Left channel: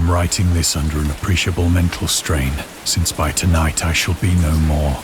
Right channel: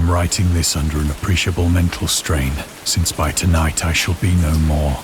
am writing this under an appreciable mental strain, since by tonight I shall be no more.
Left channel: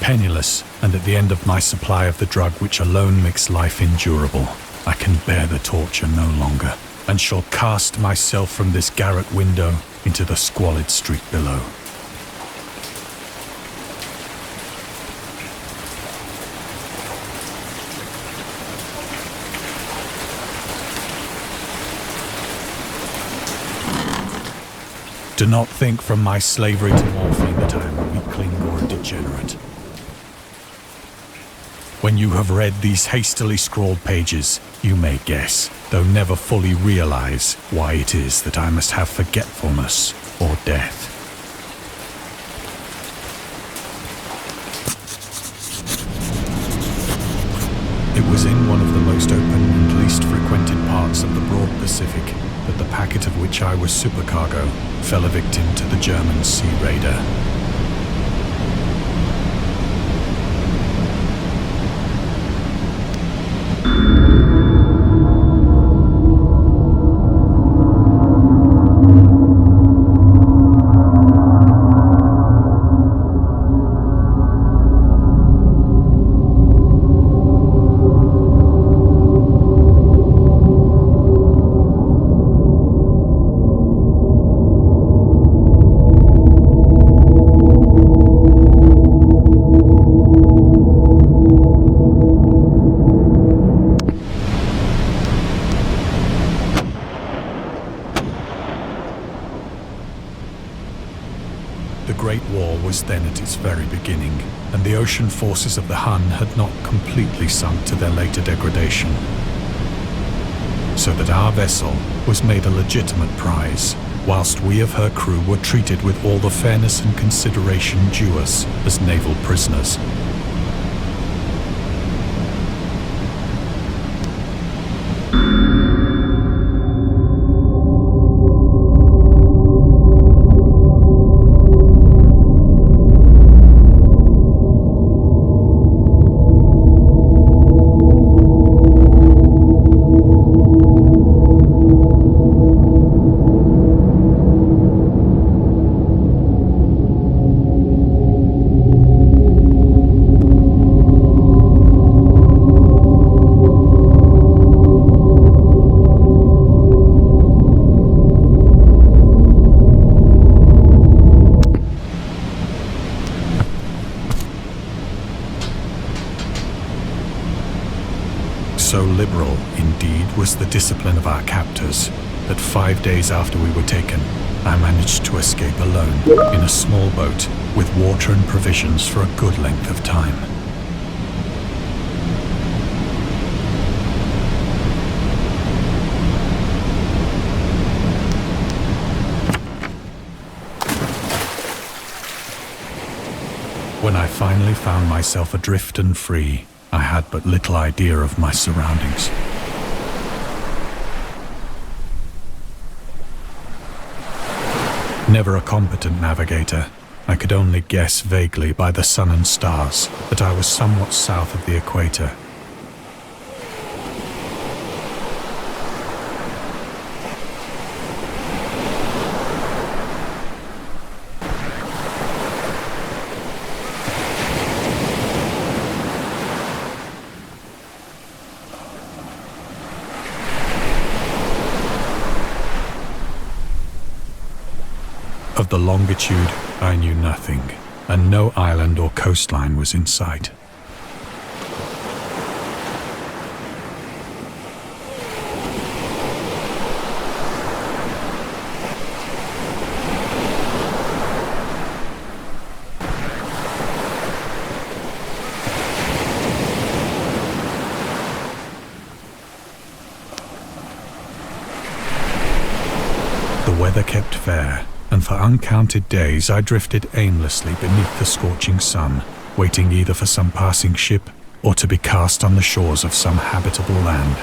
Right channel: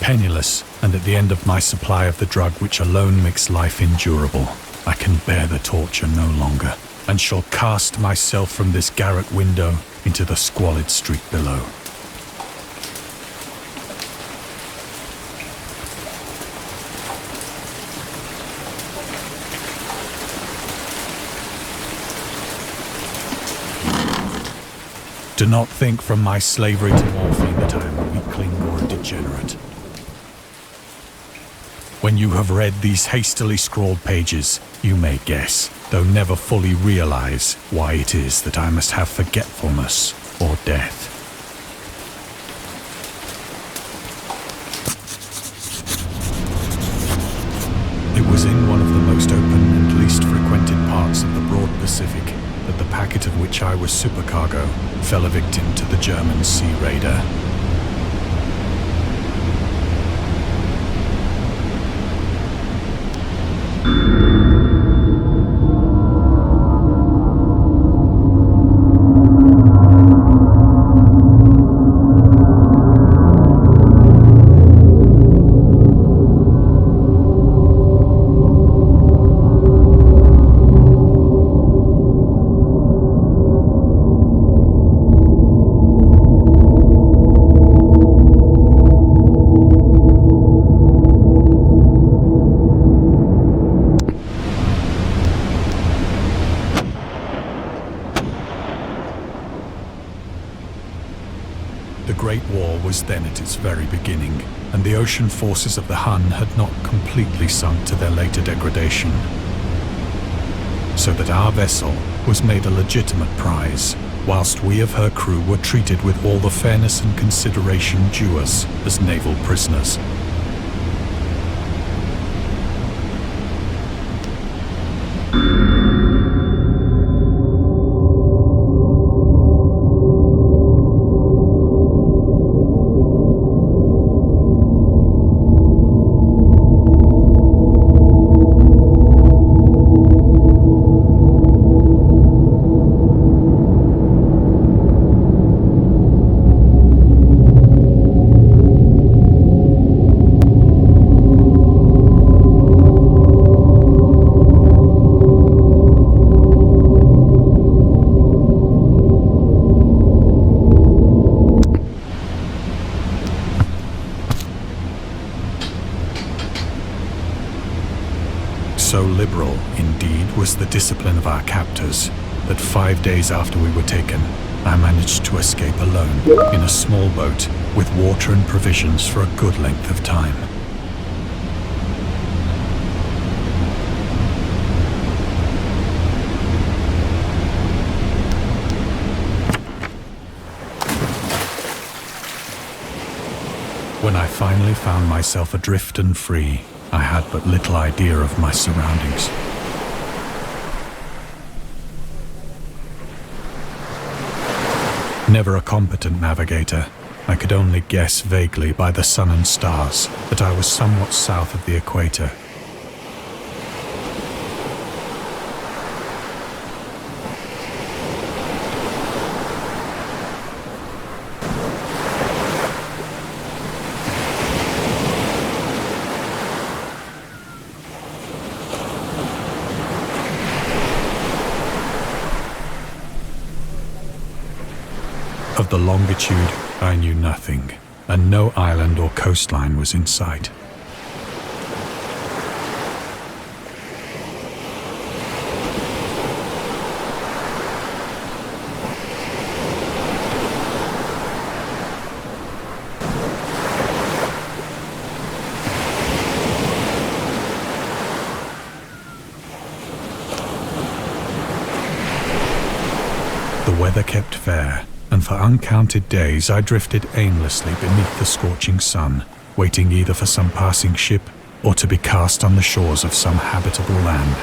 Penniless, and at the end of my supply of the drug which alone makes life endurable, I can bear the torture no longer, and shall cast myself from this garret window into the squalid street below. Do not think from my slavery to morphine that I am a weakling or a degenerate. When you have read these hastily scrawled pages, you may guess, though never fully realize, why it is that I must have forgetfulness or death. It was in one of the most open and least frequented parts of the broad Pacific that the packet of which I was supercargo fell a victim to the German sea raider. The Great War was then at its very beginning, and the ocean forces of the Hun had not completely sunk to their later degradation. So that our vessel was made a legitimate prize, whilst we of her crew were treated with all the fairness and consideration due us as naval prisoners. So liberal, indeed, was the discipline of our captors, that 5 days after we were taken, I managed to escape alone, in a small boat, with water and provisions for a good length of time. When I finally found myself adrift and free, I had but little idea of my surroundings. Never a competent navigator, I could only guess vaguely by the sun and stars that I was somewhat south of the equator. Of the longitude, I knew nothing, and no island or coastline was in sight. The weather kept fair, and for uncounted days I drifted aimlessly beneath the scorching sun, waiting either for some passing ship or to be cast on the shores of some habitable land.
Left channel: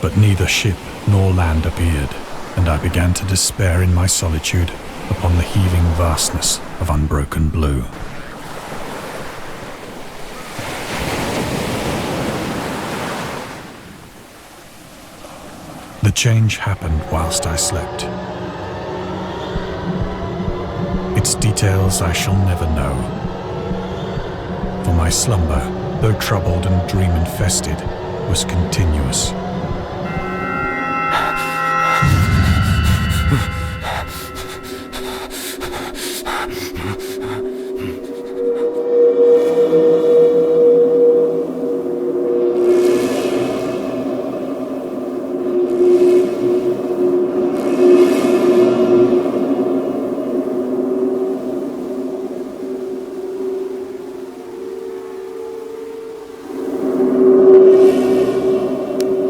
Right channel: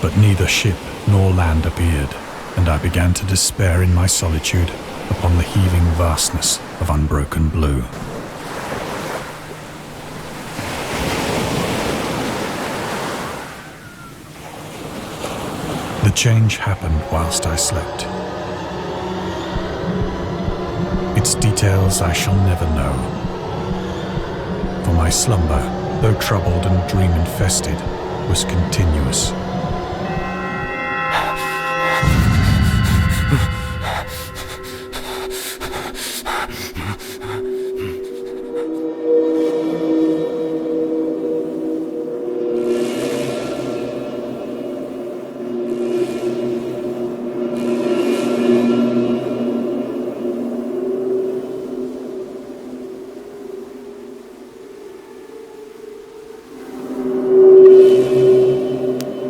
But neither ship nor land appeared, and I began to despair in my solitude upon the heaving vastness of unbroken blue. The change happened whilst I slept. Its details I shall never know, for my slumber, though troubled and dream-infested, was continuous.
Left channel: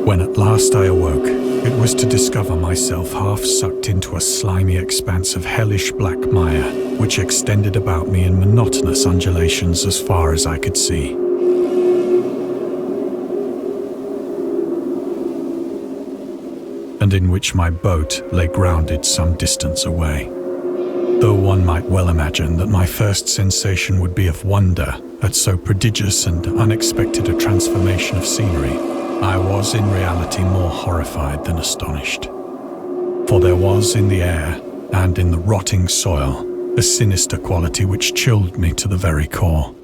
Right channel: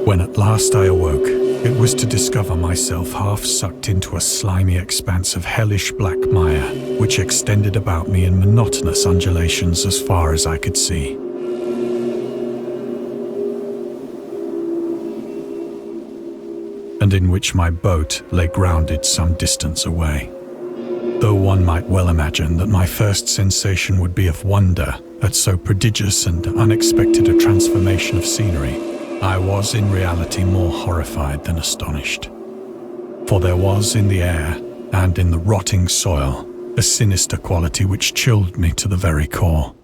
When at last I awoke, it was to discover myself half sucked into a slimy expanse of hellish black mire, which extended about me in monotonous undulations as far as I could see. And in which my boat lay grounded some distance away. Though one might well imagine that my first sensation would be of wonder at so prodigious and unexpected a transformation of scenery, I was in reality more horrified than astonished. For there was in the air and in the rotting soil a sinister quality which chilled me to the very core.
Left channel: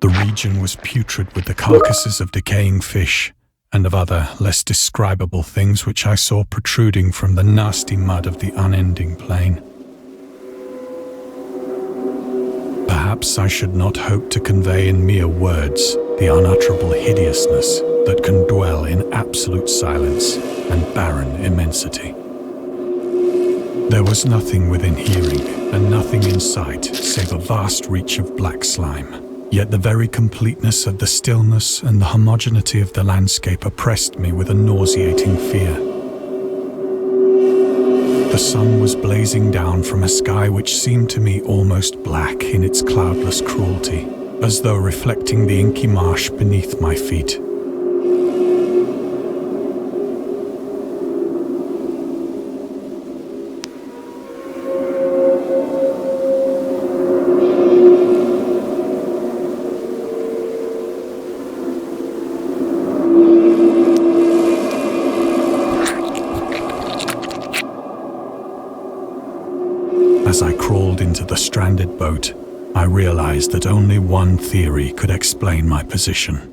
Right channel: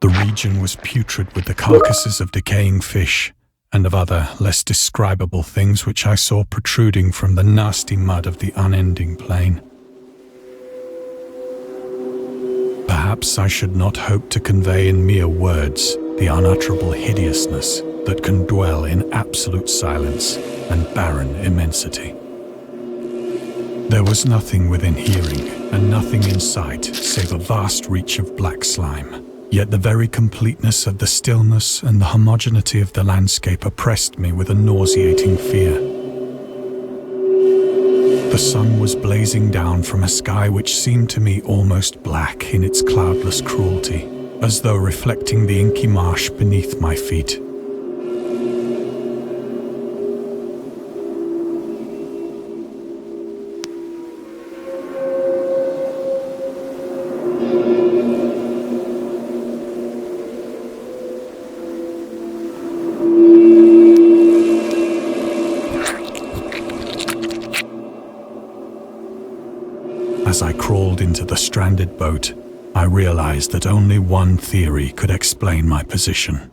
The region was putrid with the carcasses of decaying fish and of other less describable things which I saw protruding from the nasty mud of the unending plain. Perhaps I should not hope to convey in mere words the unutterable hideousness that can dwell in absolute silence and barren immensity. There was nothing within hearing and nothing in sight save a vast reach of black slime, yet the very completeness of the stillness and the homogeneity of the landscape oppressed me with a nauseating fear. The sun was blazing down from a sky which seemed to me almost black in its cloudless cruelty, as though reflecting the inky marsh beneath my feet. As I crawled into the stranded boat, I realized that only one theory could explain my position.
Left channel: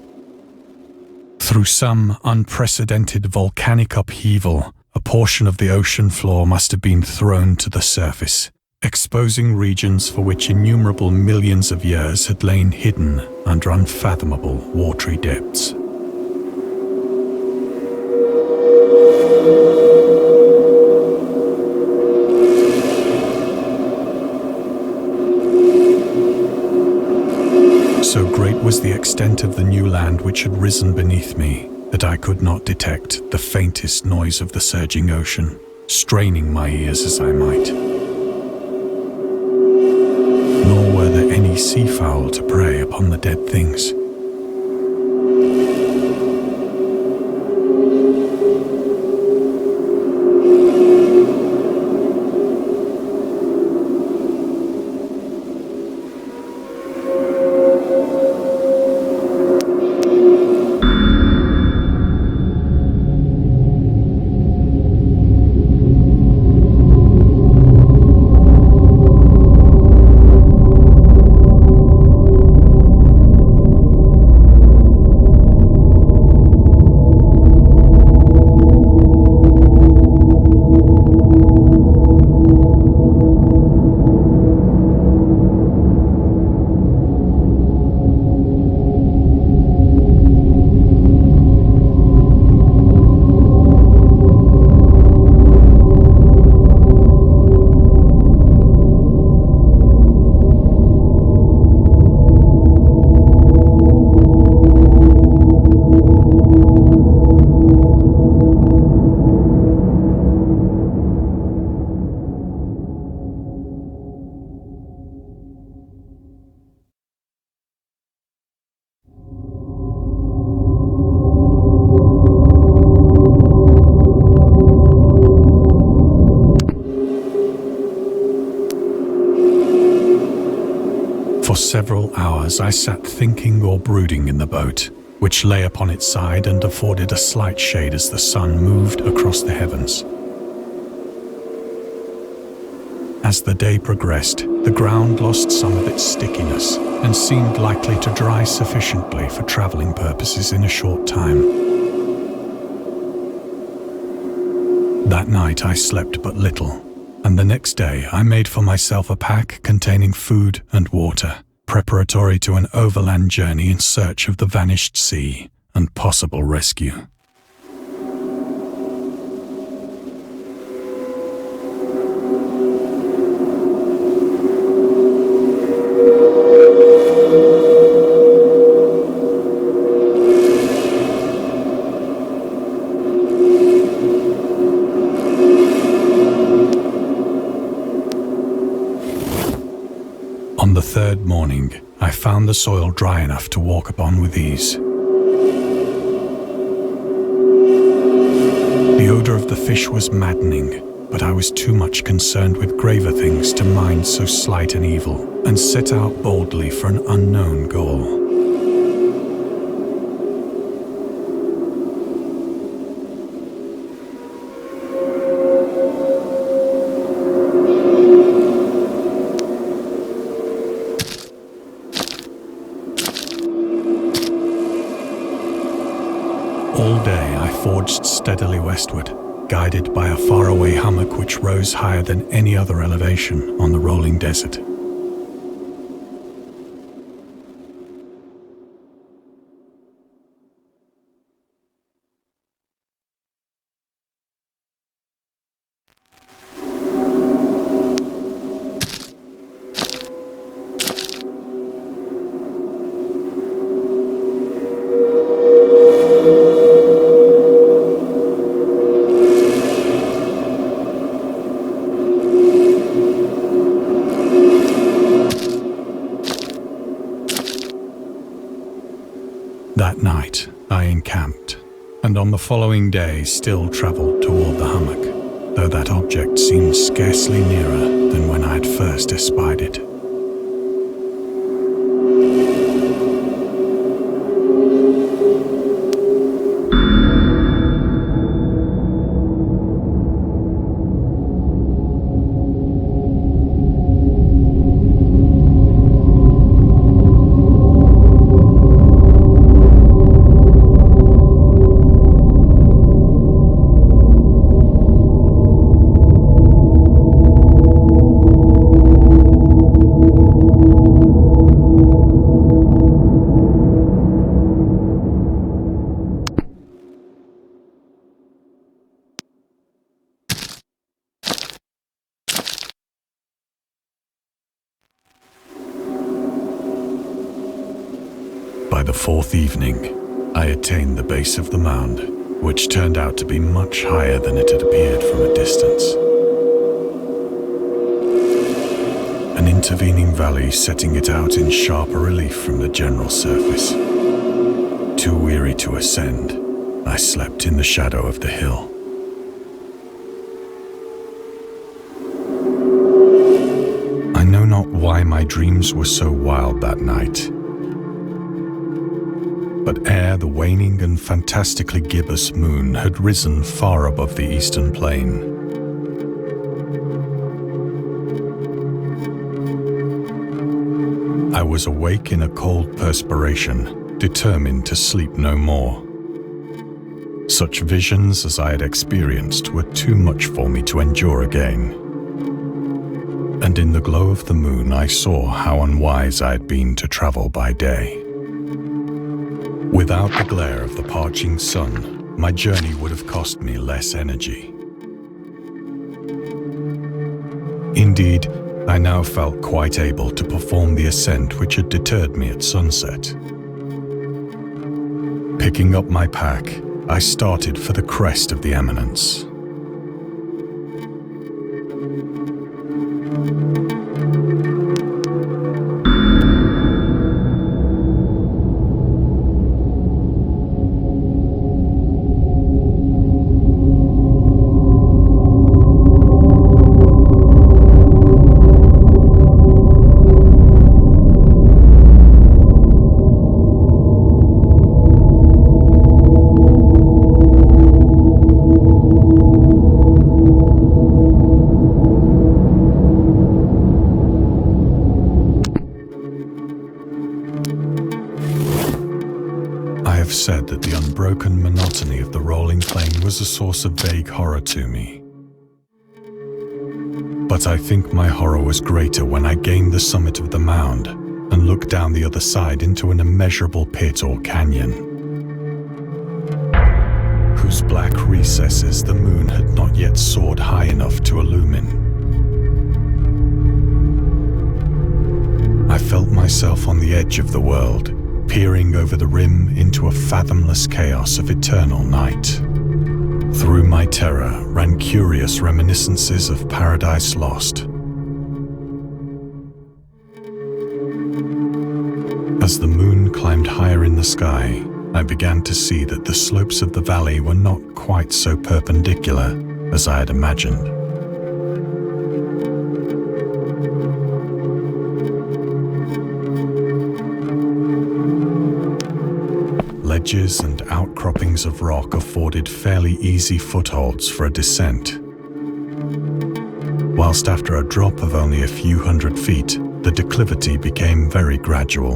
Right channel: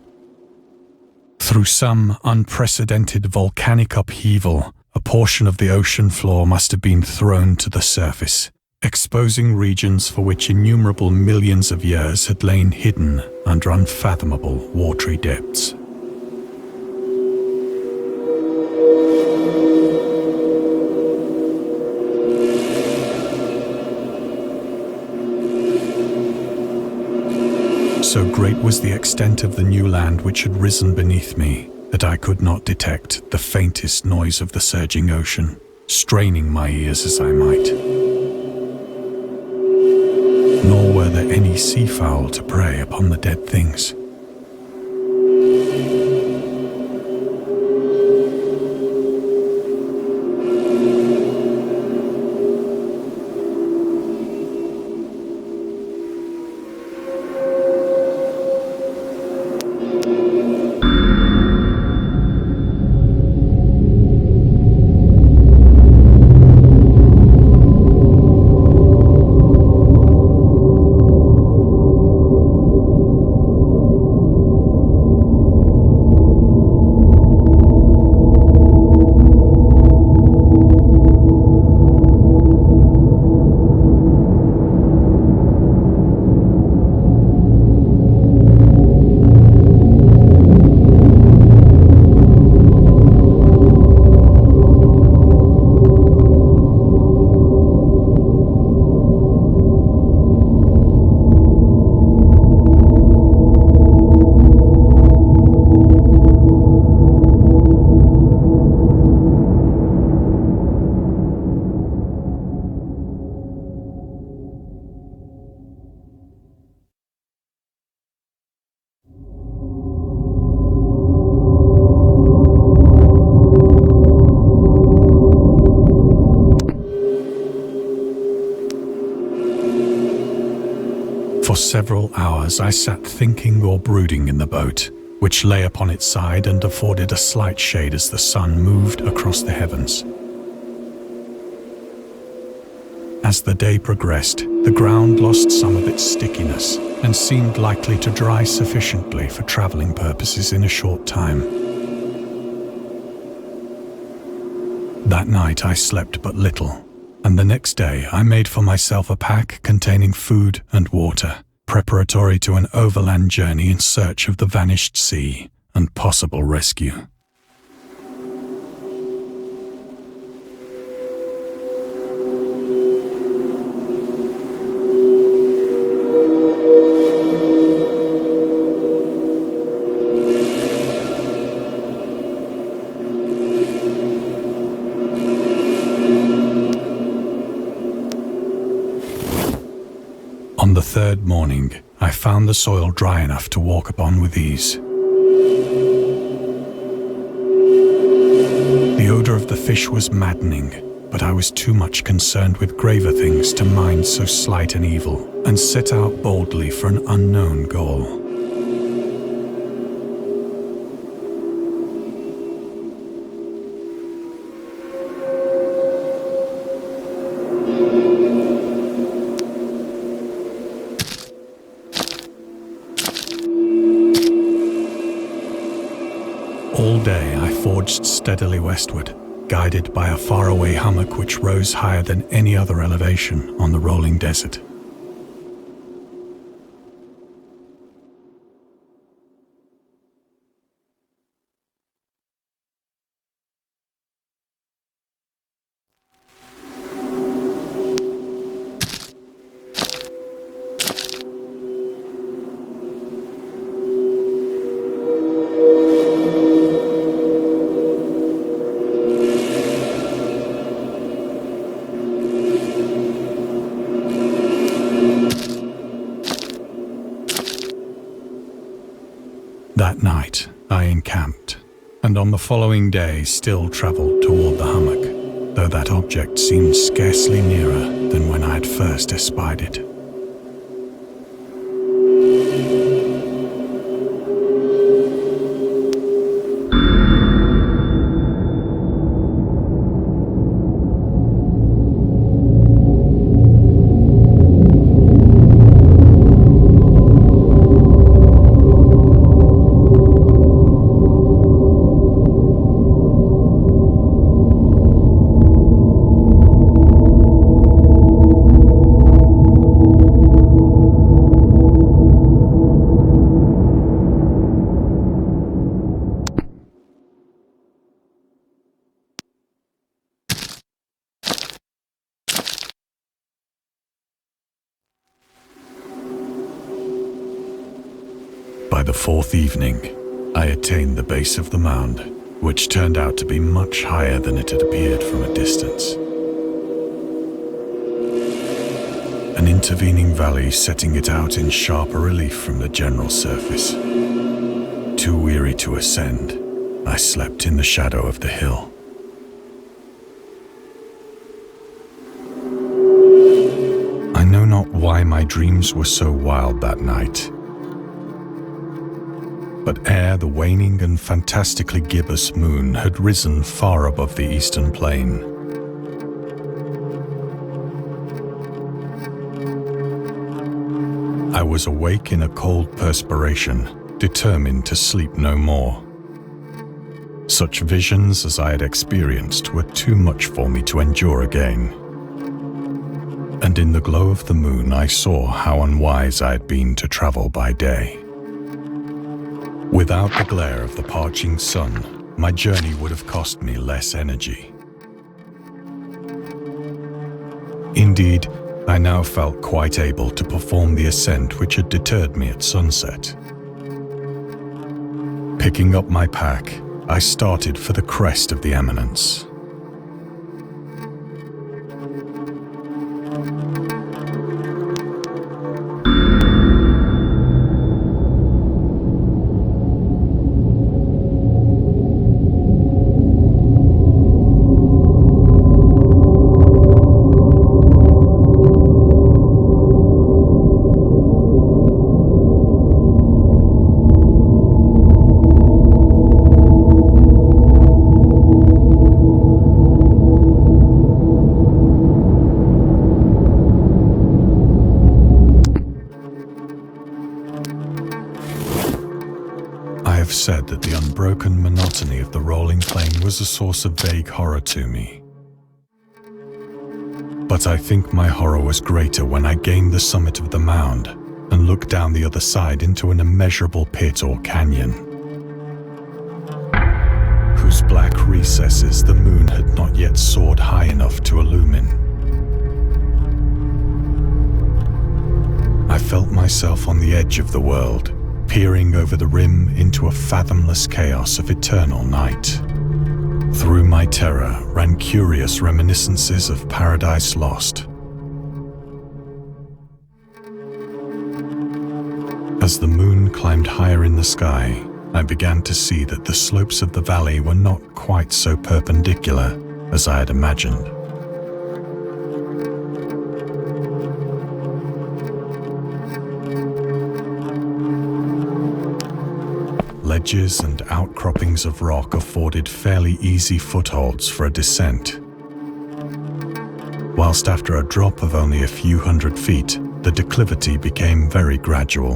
Through some unprecedented volcanic upheaval, a portion of the ocean floor must have been thrown to the surface, exposing regions for which innumerable millions of years had lain hidden under unfathomable watery depths. great was the extent of the new land which had risen beneath me, that I could not detect the faintest noise of the surging ocean, straining my ears as I might. Nor were there any seafowl to prey upon the dead things. For several hours I sat thinking or brooding in the boat, which lay upon its side and afforded a slight shade as the sun moved across the heavens. As the day progressed, the ground lost some of its stickiness and seemed likely to dry sufficiently for traveling purposes in a short time. That night I slept but little, and the next day I made for myself a pack containing food and water, preparatory to an overland journey in search of the vanished sea and possible rescue. On the third morning, I found the soil dry enough to walk upon with ease. The odor of the fish was maddening, but I was too much concerned with graver things to mind so slight an evil, and set out boldly for an unknown goal. All day I forged steadily westward, guided by a faraway hummock which rose higher than any other elevation on the rolling desert. That night I encamped, and on the following day still travelled toward the hummock, though that object seemed scarcely nearer than when I had first espied it. the fourth evening, I attained the base of the mound, which turned out to be much higher than it had appeared from a distance. An intervening valley setting it out in sharper relief from the general surface. Too weary to ascend, I slept in the shadow of the hill. I know not why my dreams were so wild that night, but ere the waning and fantastically gibbous moon had risen far above the eastern plain, I was awake in a cold perspiration, determined to sleep no more. Such visions as I had experienced were too much for me to endure again. And in the glow of the moon I saw how unwise I had been to travel by day. Without the glare of the parching sun, my journey would have cost me less energy. Indeed, I now felt quite able to perform the ascent which had deterred me at sunset. Picking up my pack, I started for the crest of the eminence. Said that the unbroken monotony of the rolling plain was a source of vague horror to me. But I think my horror was greater when I gained the summit of the mound and looked down the other side into an immeasurable pit or canyon, whose black recesses the moon had not yet soared high enough to illumine. I felt myself on the edge of the world, peering over the rim into a fathomless chaos of eternal night. Through my terror ran curious reminiscences of Paradise Lost. As the moon climbed higher in the sky, I began to see that the slopes of the valley were not quite so perpendicular as I had imagined. Ledges and outcroppings of rock afforded fairly easy footholds for a descent, whilst after a drop of only a few hundred feet, the declivity became very gradual.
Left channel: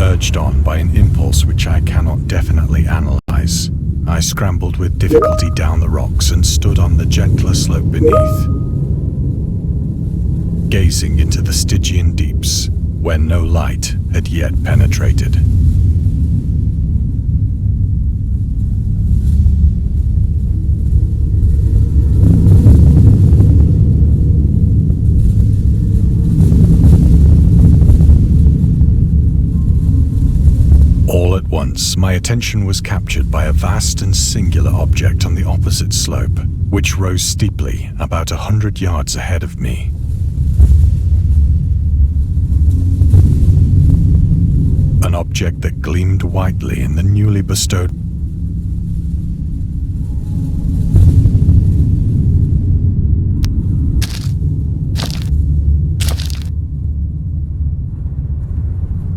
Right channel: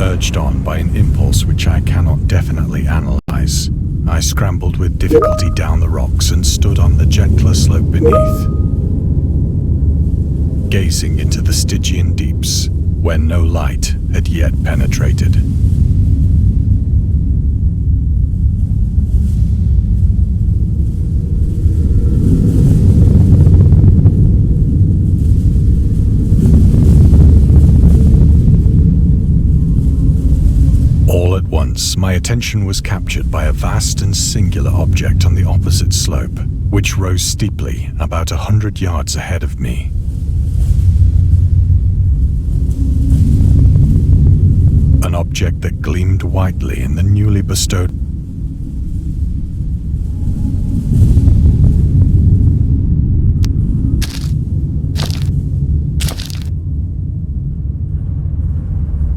Urged on by an impulse which I cannot definitely analyze, I scrambled with difficulty down the rocks and stood on the gentler slope beneath, gazing into the Stygian deeps where no light had yet penetrated. All at once, my attention was captured by a vast and singular object on the opposite slope, which rose steeply about 100 yards ahead of me. An object that gleamed whitely in the newly bestowed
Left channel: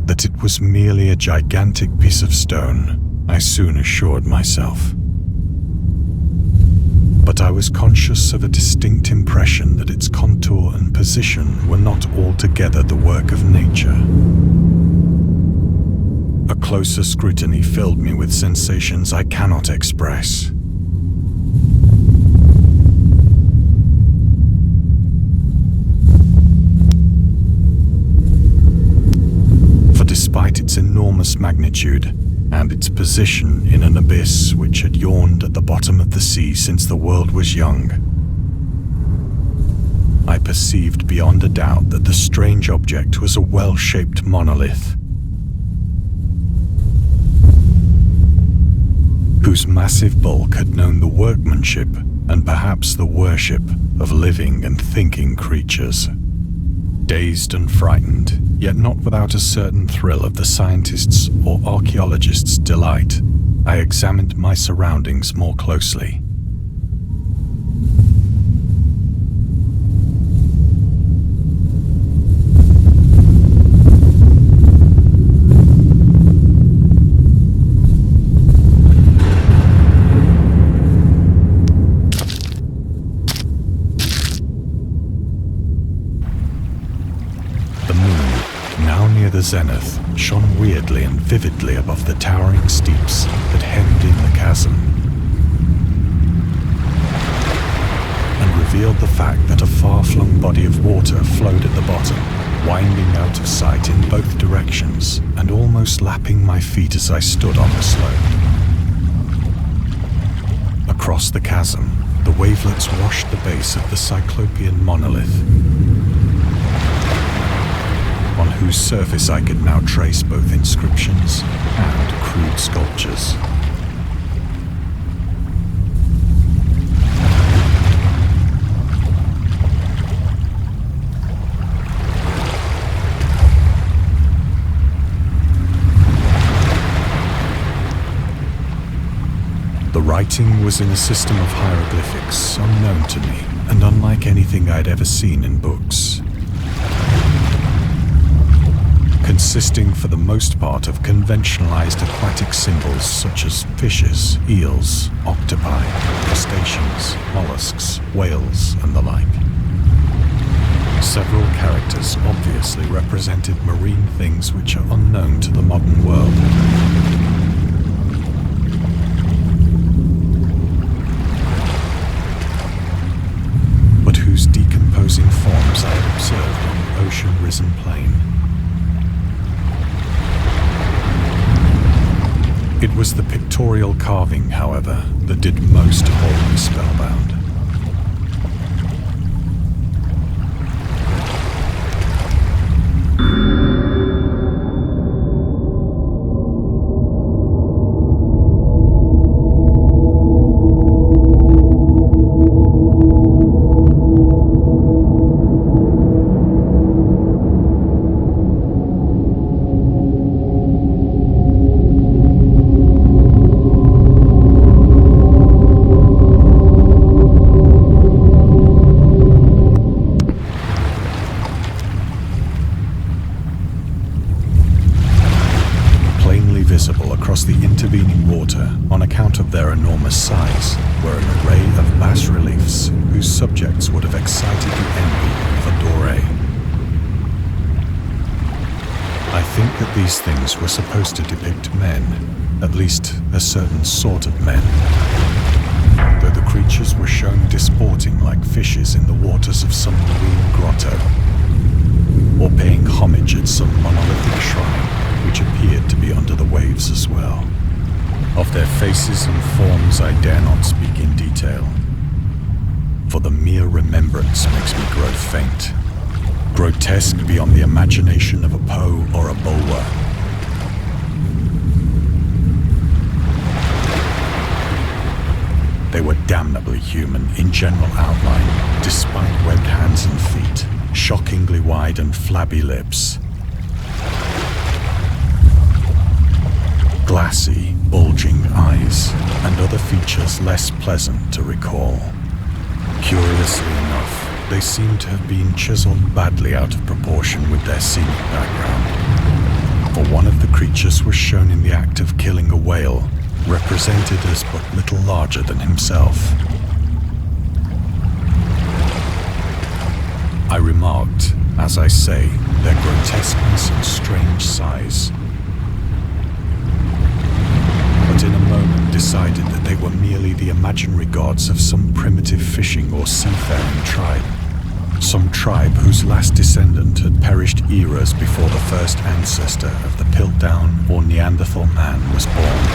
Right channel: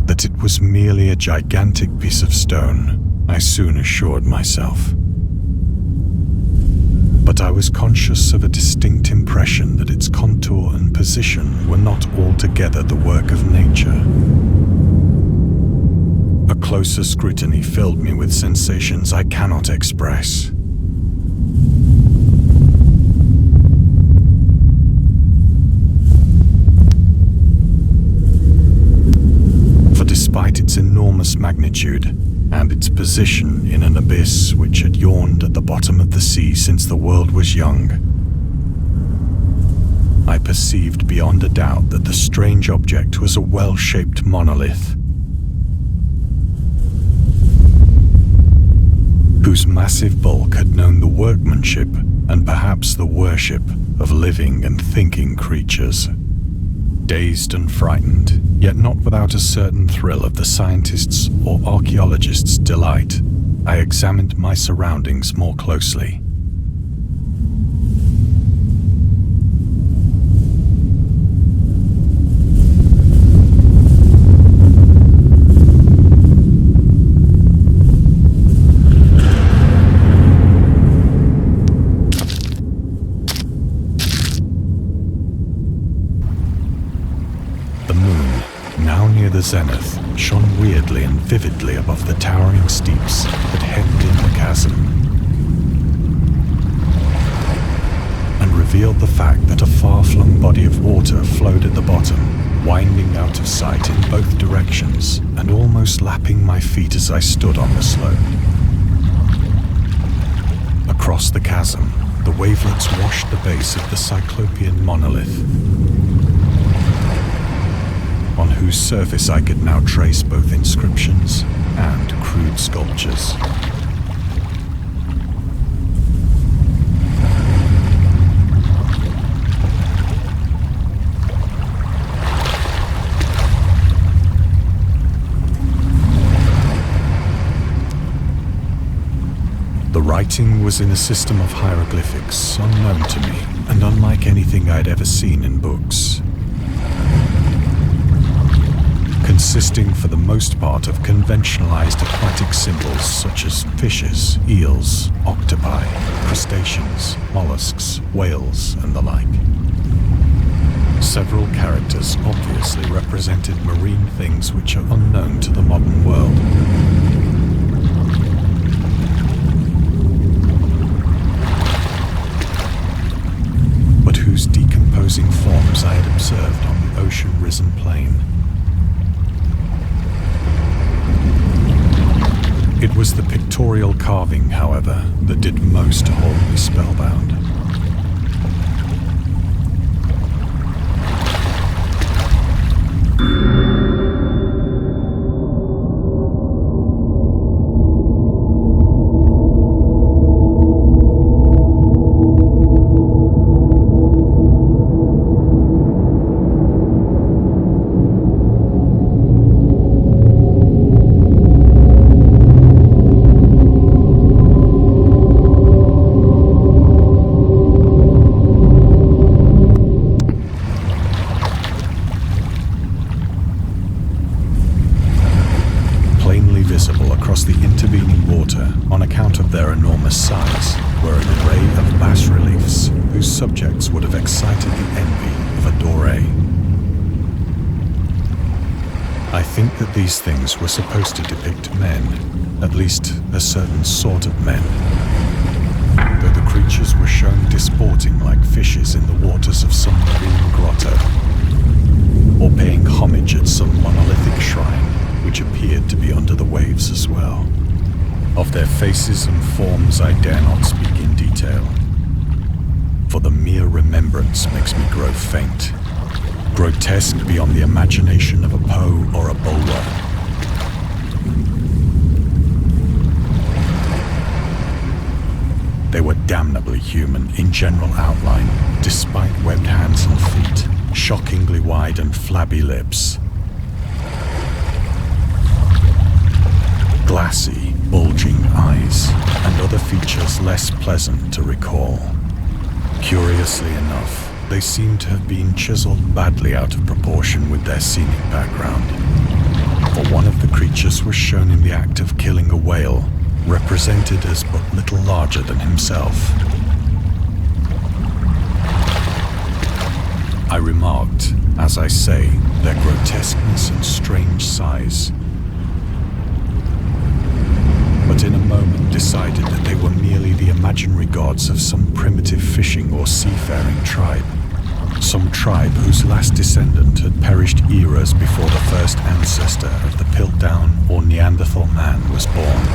that it was merely a gigantic piece of stone, I soon assured myself. But I was conscious of a distinct impression that its contour and position were not altogether the work of nature. A closer scrutiny filled me with sensations I cannot express. For despite its enormous magnitude, and its position in an abyss which had yawned at the bottom of the sea since the world was young. I perceived beyond a doubt that the strange object was a well-shaped monolith, whose massive bulk had known the workmanship and perhaps the worship of living and thinking creatures. Dazed and frightened, yet not without a certain thrill of the scientist's or archaeologist's delight, I examined my surroundings more closely. The zenith shone weirdly and vividly above the towering steeps that hemmed in the chasm, and revealed the fact that a far-flung body of water flowed at the bottom, winding out of sight in both directions and almost lapping my feet as I stood on the slope. Across the chasm, the wavelets washed the base of the Cyclopean monolith, on whose surface I could now trace both inscriptions and crude sculptures. The writing was in a system of hieroglyphics unknown to me and unlike anything I'd ever seen in books, consisting for the most part of conventionalized aquatic symbols such as fishes, eels, octopi, crustaceans, mollusks, whales, and the like. Several characters obviously represented marine things which are unknown to the modern world. But whose decomposing forms I had observed on the ocean-risen plain. It was the pictorial carving, however, that did most to hold me spellbound. Visible across the intervening water on account of their enormous size were an array of bas-reliefs whose subjects would have excited the envy of a Doré. I think that these things were supposed to depict men, at least a certain sort of men, though the creatures were shown disporting like fishes in the waters of some marine grotto, or paying homage at some monolithic shrine which appeared to be under the waves as well. Of their faces and forms I dare not speak in detail, for the mere remembrance makes me grow faint, grotesque beyond the imagination of a Poe or a Bulwer. They were damnably human in general outline, despite webbed hands and feet, shockingly wide and flabby lips, glassy, bulging eyes, and other features less pleasant to recall. Curiously enough, they seem to have been chiseled badly out of proportion with their scenic background, for one of the creatures was shown in the act of killing a whale, represented as but little larger than himself. I remarked, as I say, their grotesqueness and strange size, but in a moment decided that they were merely the imaginary gods of some primitive fishing or seafaring tribe, Some tribe whose last descendant had perished eras before the first ancestor of the Piltdown or Neanderthal man was born.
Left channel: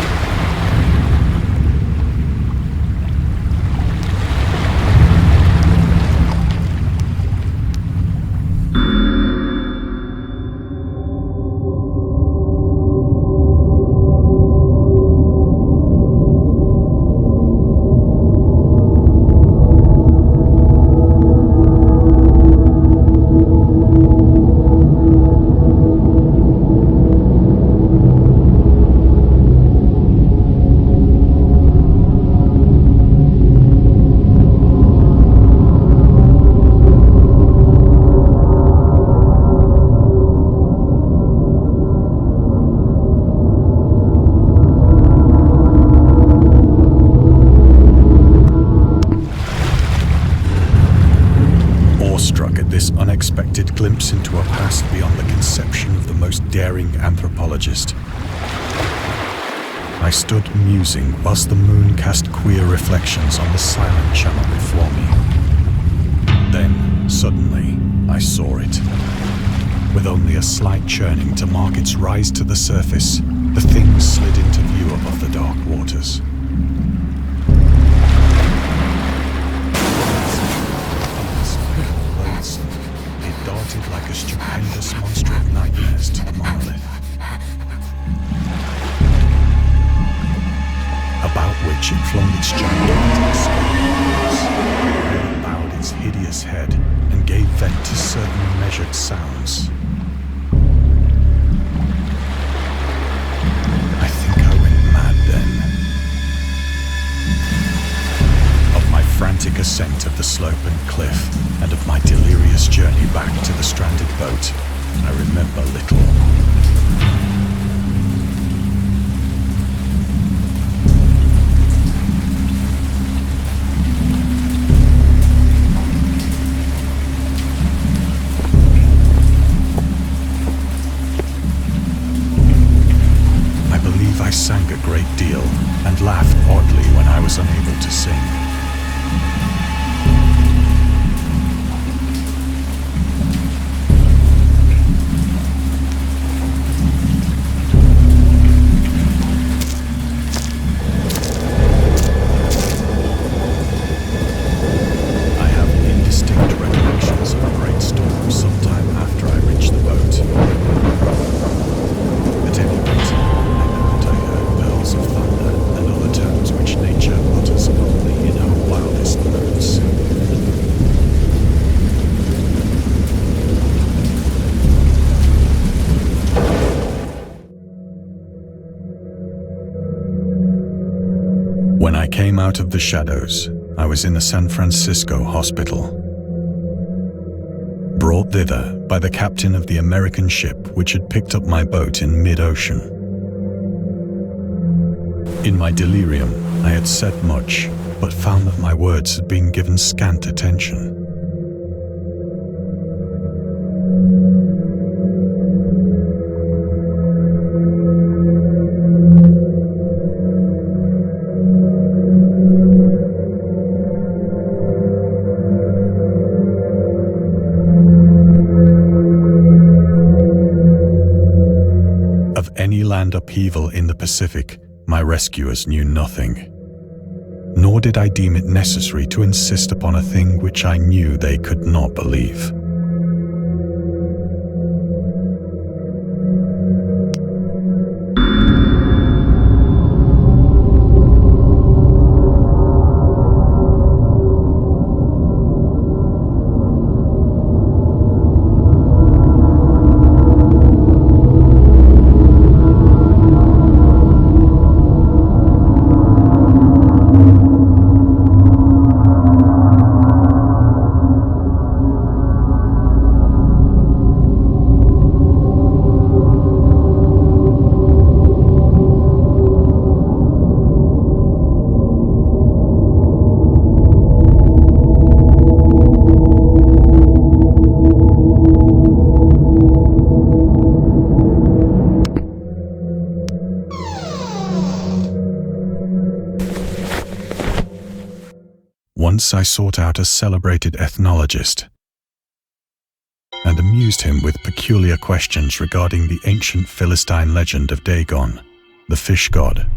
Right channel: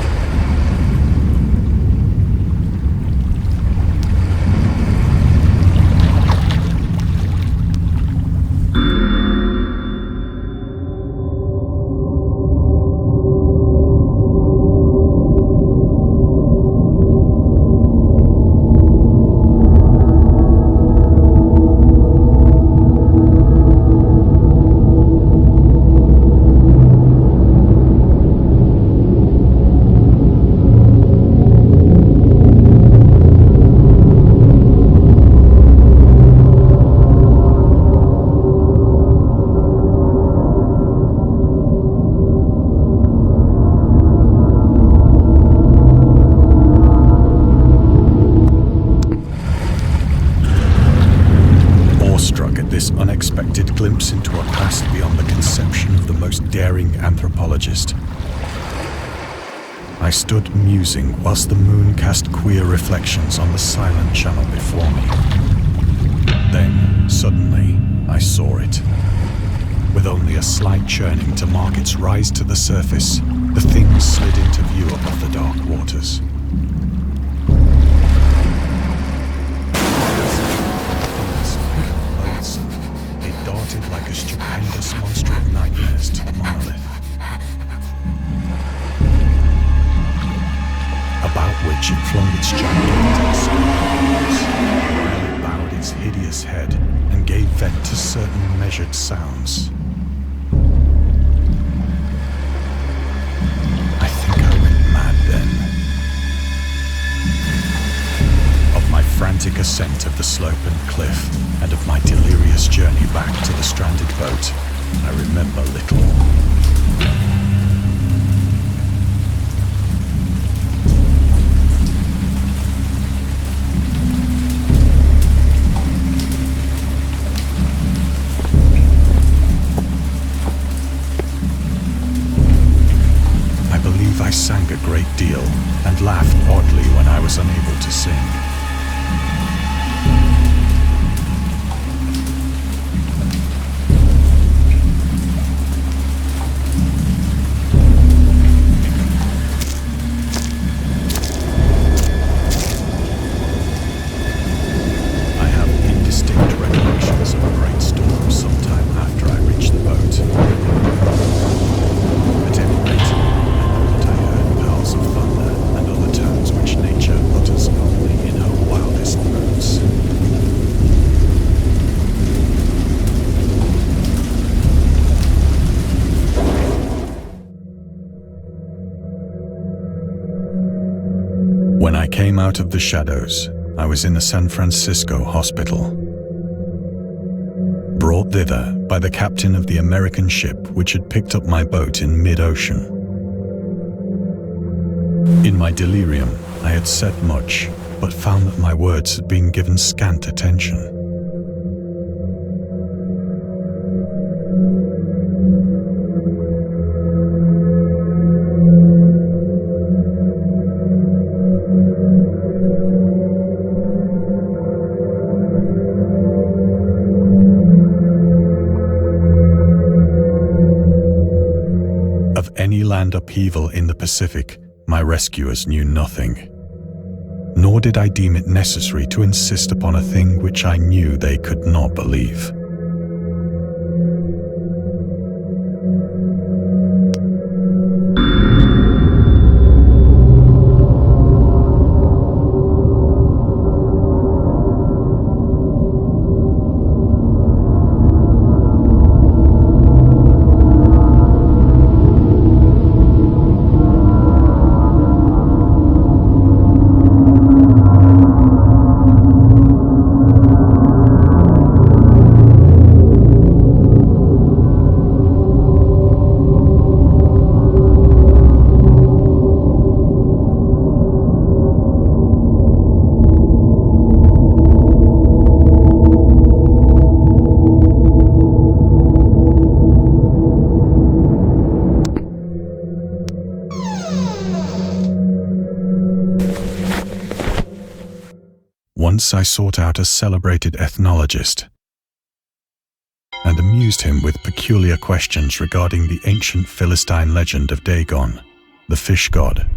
Awestruck at this unexpected glimpse into a past beyond the conception of the most daring anthropologist, I stood musing whilst the moon cast queer reflections on the silent channel before me. Then, suddenly, I saw it. With only a slight churning to mark its rise to the surface, the thing slid into view above the dark waters. It darted like a stupendous monster of nightmares to the monolith, about which it flung its gigantic scales, while it bowed its hideous head and gave vent to certain measured sounds. I think I went mad then. Of my frantic ascent of the slope and cliff, and of my delirious journey back to the stranded boat, I remember little. I believe I sang a great deal and laughed oddly when I was unable to sing. When I came out of the shadows, I was in a San Francisco hospital, brought thither by the captain of the American ship which had picked up my boat in mid-ocean. In my delirium, I had said much, but found that my words had been given scant attention. Of any land upheaval in the Pacific, my rescuers knew nothing. Nor did I deem it necessary to insist upon a thing which I knew they could not believe. Once I sought out a celebrated ethnologist, and amused him with peculiar questions regarding the ancient Philistine legend of Dagon, the fish god.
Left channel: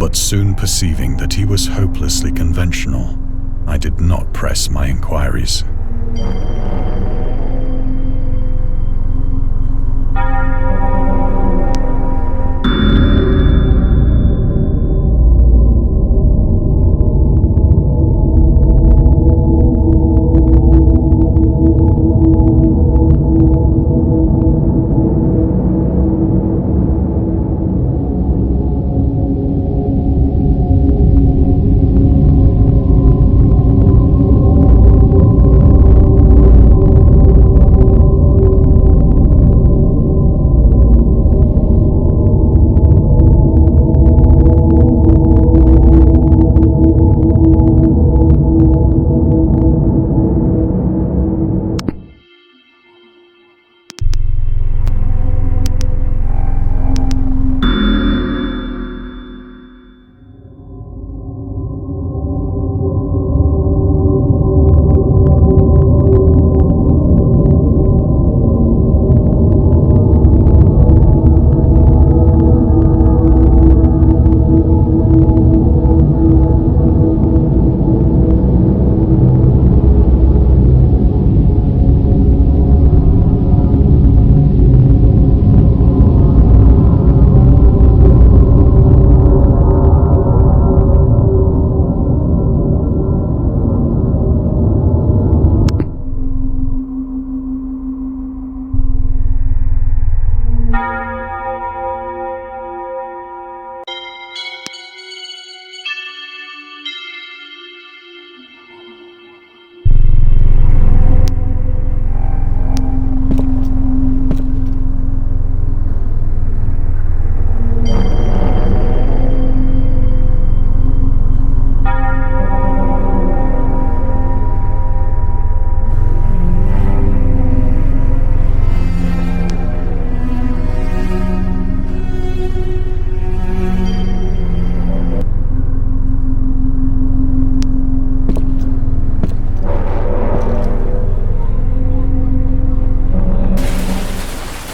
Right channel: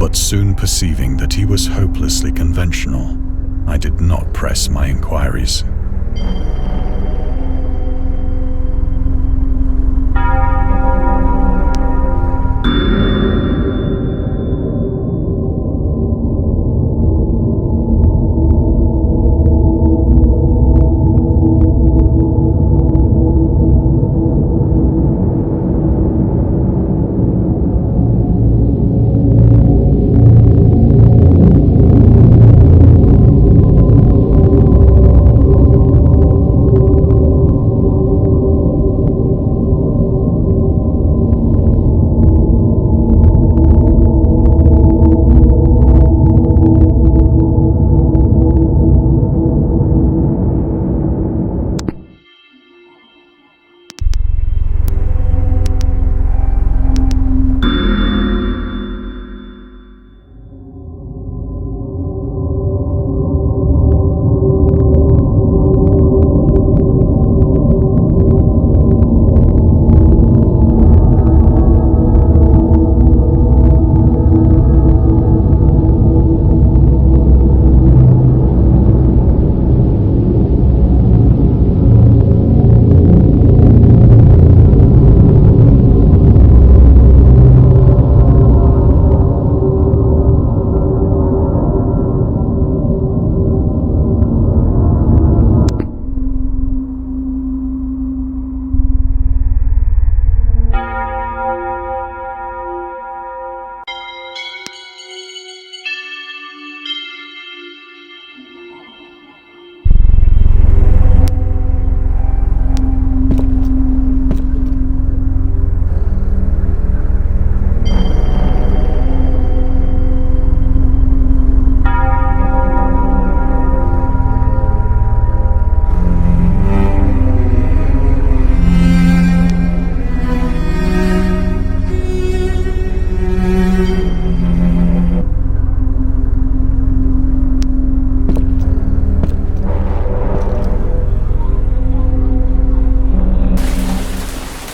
But soon perceiving that he was hopelessly conventional, I did not press my inquiries.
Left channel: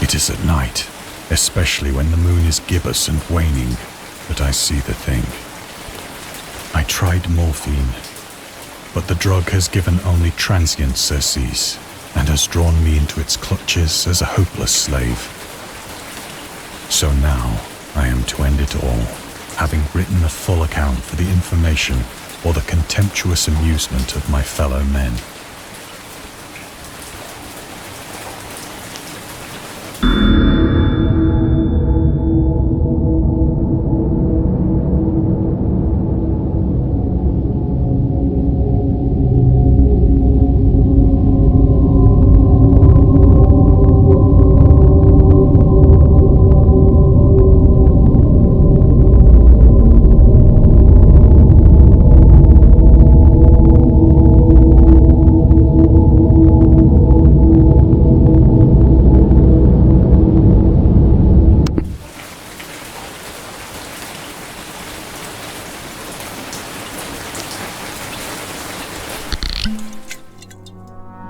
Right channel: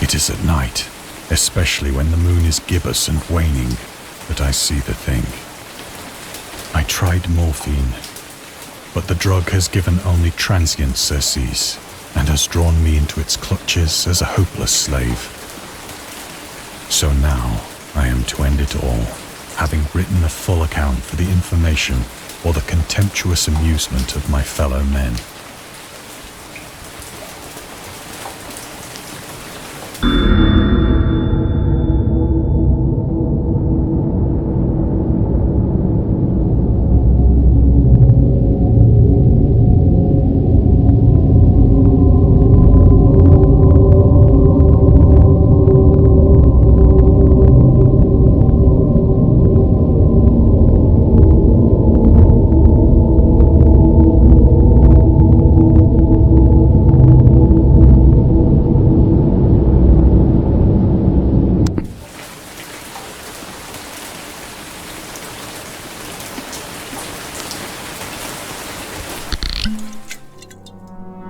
It is at night, especially when the moon is gibbous and waning, that I see the thing. I tried morphine, but the drug has given only transient surcease and has drawn me into its clutches as a hopeless slave. So now I am to end it all, having written a full account for the information or the contemptuous amusement of my fellow men.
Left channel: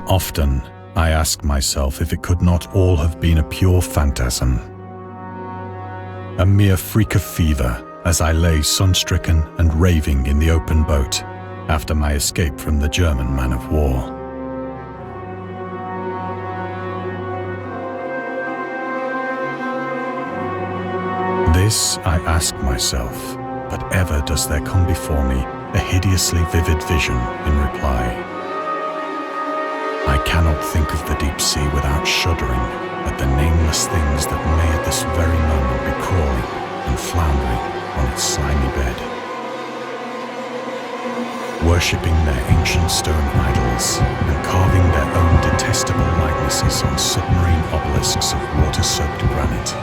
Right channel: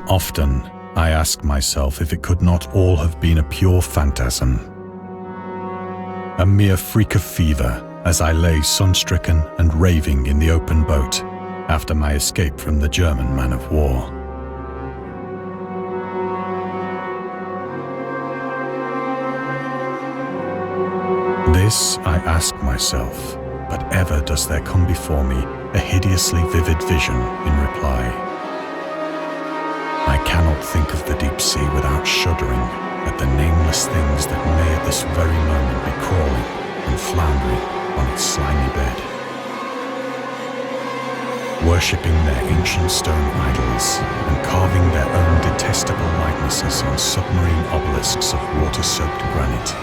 Often, I ask myself if it could not all have been a pure phantasm. A mere freak of fever as I lay sun-stricken and raving in the open boat after my escape from the German man of war. This I ask myself, but ever does there come before me a hideously vivid vision in reply. I cannot think of the deep sea without shuddering at the nameless things that may at this very moment be crawling and floundering on its slimy bed, worshipping their ancient stone idols and carving their own detestable likenesses on submarine obelisks of water-soaked granite.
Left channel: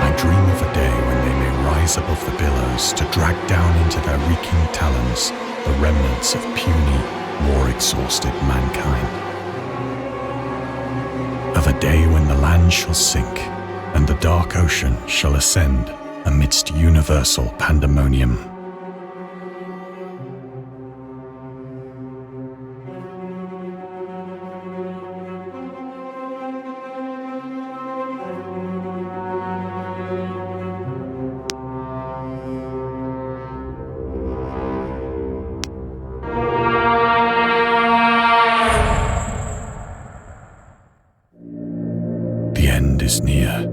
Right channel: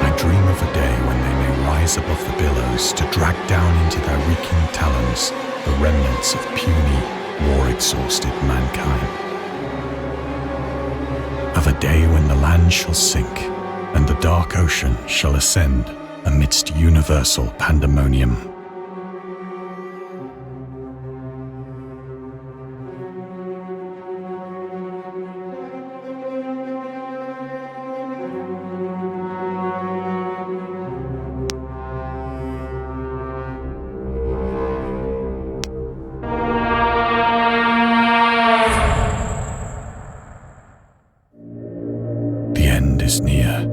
I dream of a day when they may rise above the billows to drag down into their reeking talons the remnants of puny, war-exhausted mankind. Of a day when the land shall sink and the dark ocean shall ascend amidst universal pandemonium. The end is near.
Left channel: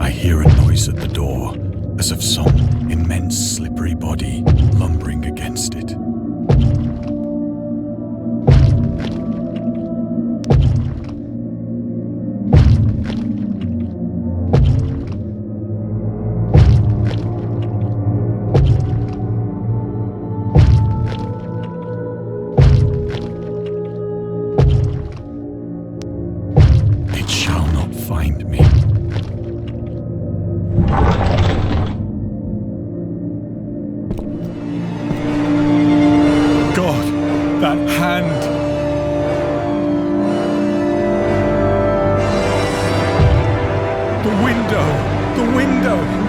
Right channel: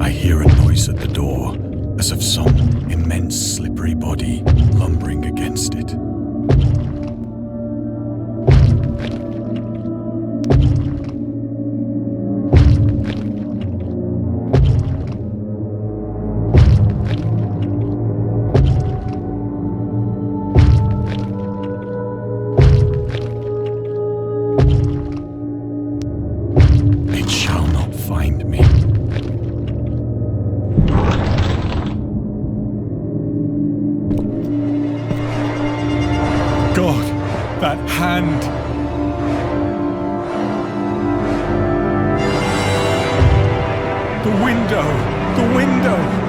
I hear a noise at the door, as of some immense slippery body lumbering against it. It shall not find me. God, that hand! The window! The window!